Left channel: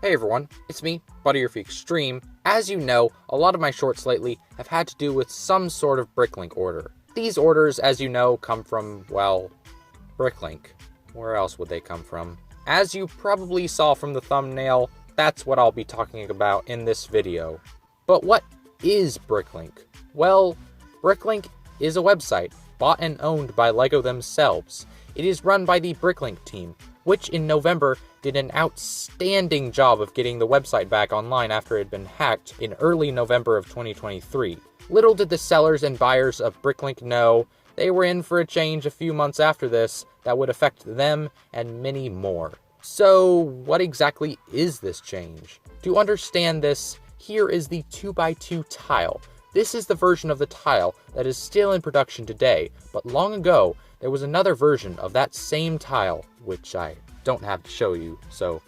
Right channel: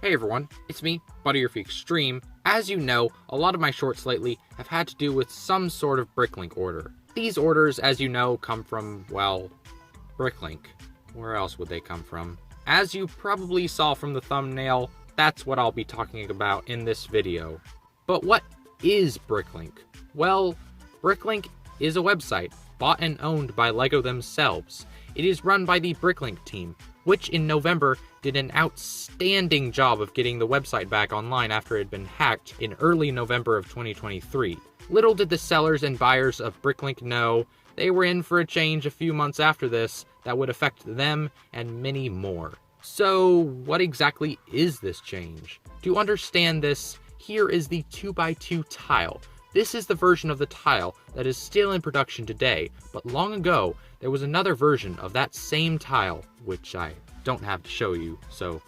Hey everyone, it's me, Butterfree Extreme. As you know, a lot of my shorts lately have had to do with some sort of Brinklink order. These orders, as you know, come from, well, Brinklink. Where else would they come from? As you probably saw from the thumbnail, that's what I'll be talking about in this video. But what is Brinklink? Well, Brinklink is a website bought and owned by LEGO themselves. It is run by the Brinklink team, which in November did an outstanding job of getting the website back online after it had been hacked in early November of 2023. Little did the sellers and buyers of Brinklink know they were in for a change a few months after this that would affect them and many more. So, what exactly is this change? To understand this, here is the 2x2 tile. This is the version of the tile that is still in production today, but long ago, there was another version of that same tile, which I don't have to show you, so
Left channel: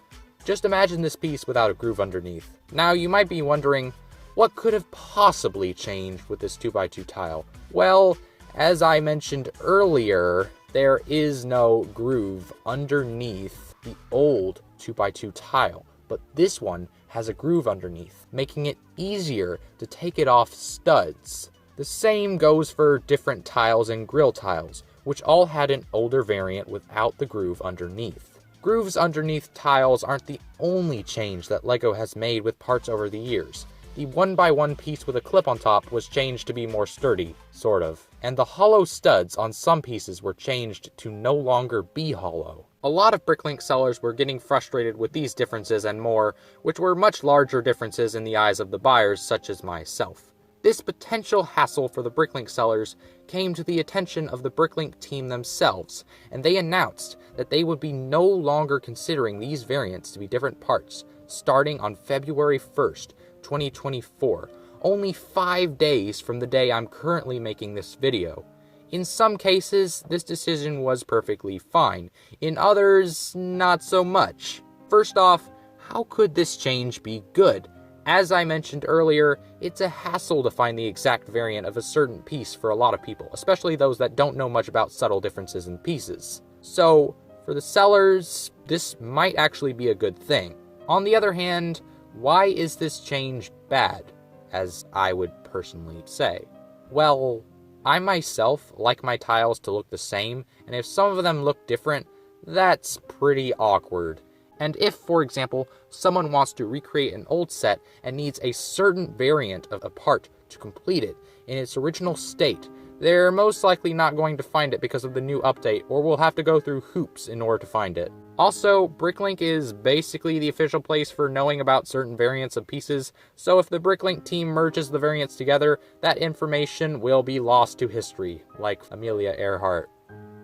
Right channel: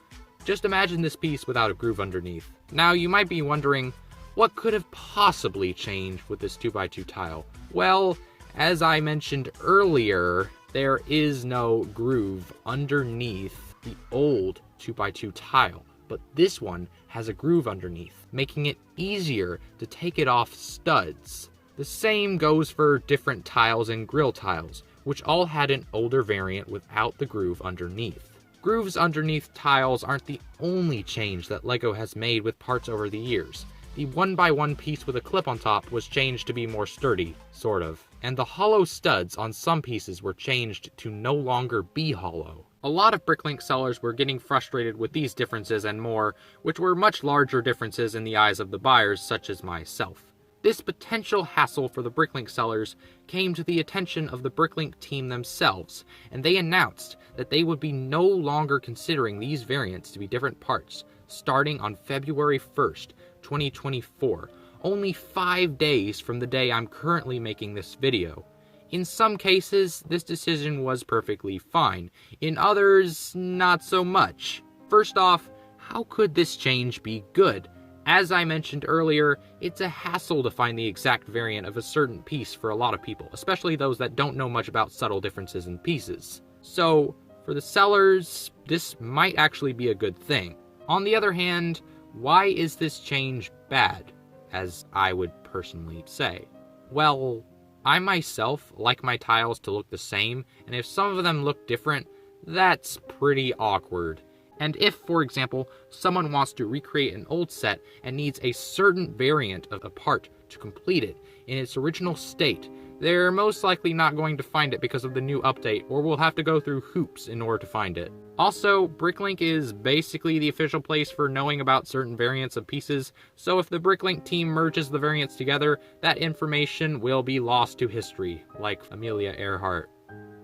just imagine this piece without a groove underneath. Now, you might be wondering, what could have possibly changed with this 2x2 tile? Well, as I mentioned earlier, there is no groove underneath the old 2x2 tile, but this one has a groove underneath, making it easier to take it off studs. The same goes for different tiles and grill tiles, which all had an older variant without the groove underneath. Grooves underneath tiles aren't the only change that LEGO has made with parts over the years. The 1x1 piece with a clip on top was changed to be more sturdy, sort of, and the hollow studs on some pieces were changed to no longer be hollow. A lot of Brinklink sellers were getting frustrated with these differences and more, which were much larger differences in the eyes of the buyers, such as myself. This potential hassle for the Brinklink sellers came to the attention of the Brinklink team themselves, and they announced that they would be no longer considering these variants to be different parts, starting on February 1st, 2024, only 5 days from the day I'm currently making this video. In some cases, this decision was perfectly fine. In others, not so much. First off, how could this change be good? As I mentioned earlier, it's a hassle to find the exact variant of a certain piece for a lot of people, especially those that don't know much about subtle differences in pieces. So, for the sellers, this might actually be a good thing. On the other hand, why is this change bad, as I would personally say? Well, I myself like my tiles to look the same, and if some of them look different, that's pretty awkward. And if, for example, someone wants to recreate an old set and needs a certain variant of a part to complete it in its original state, they're most likely not going to find it because of the new update, or will have to go through hoops in order to find it. Also, Brinklink is basically the official place for knowing about certain variants of pieces, so if the Brinklink team merges the variants together, that information will be lost to history, like Amelia Earhart.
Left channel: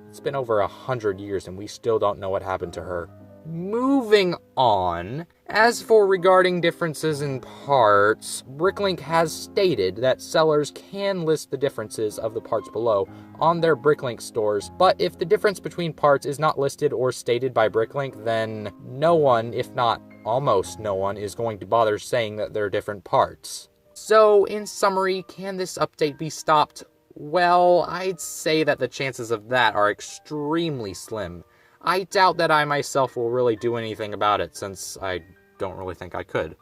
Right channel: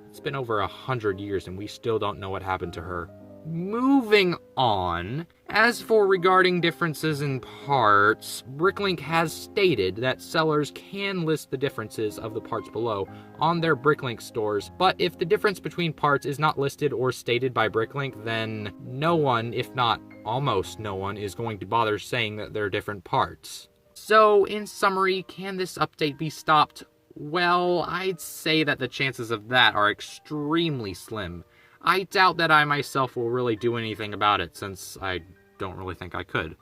It's been over 100 years and we still don't know what happened to her. Moving on, as for regarding differences in parts, Brinklink has stated that sellers can list the differences of the parts below on their Brinklink stores, but if the difference between parts is not listed or stated by Brinklink, then no one, if not almost no one, is going to bother saying that they're different parts. So, in summary, can this update be stopped? Well, I'd say that the chances of that are extremely slim. I doubt that I myself will really do anything about it, since I don't really think I could.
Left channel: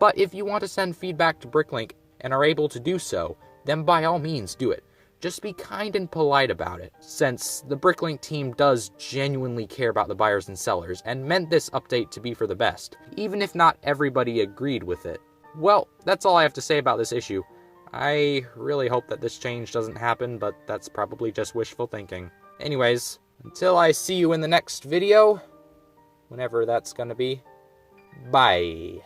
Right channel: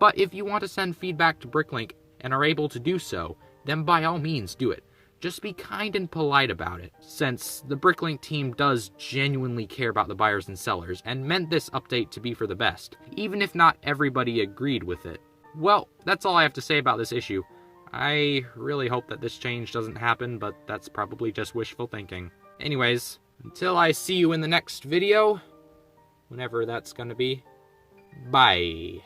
But if you want to send feedback to Brinklink and are able to do so, then by all means do it. Just be kind and polite about it, since the Brinklink team does genuinely care about the buyers and sellers, and meant this update to be for the best, even if not everybody agreed with it. Well, that's all I have to say about this issue. I really hope that this change doesn't happen, but that's probably just wishful thinking. Anyways, until I see you in the next video, whenever that's gonna be, bye.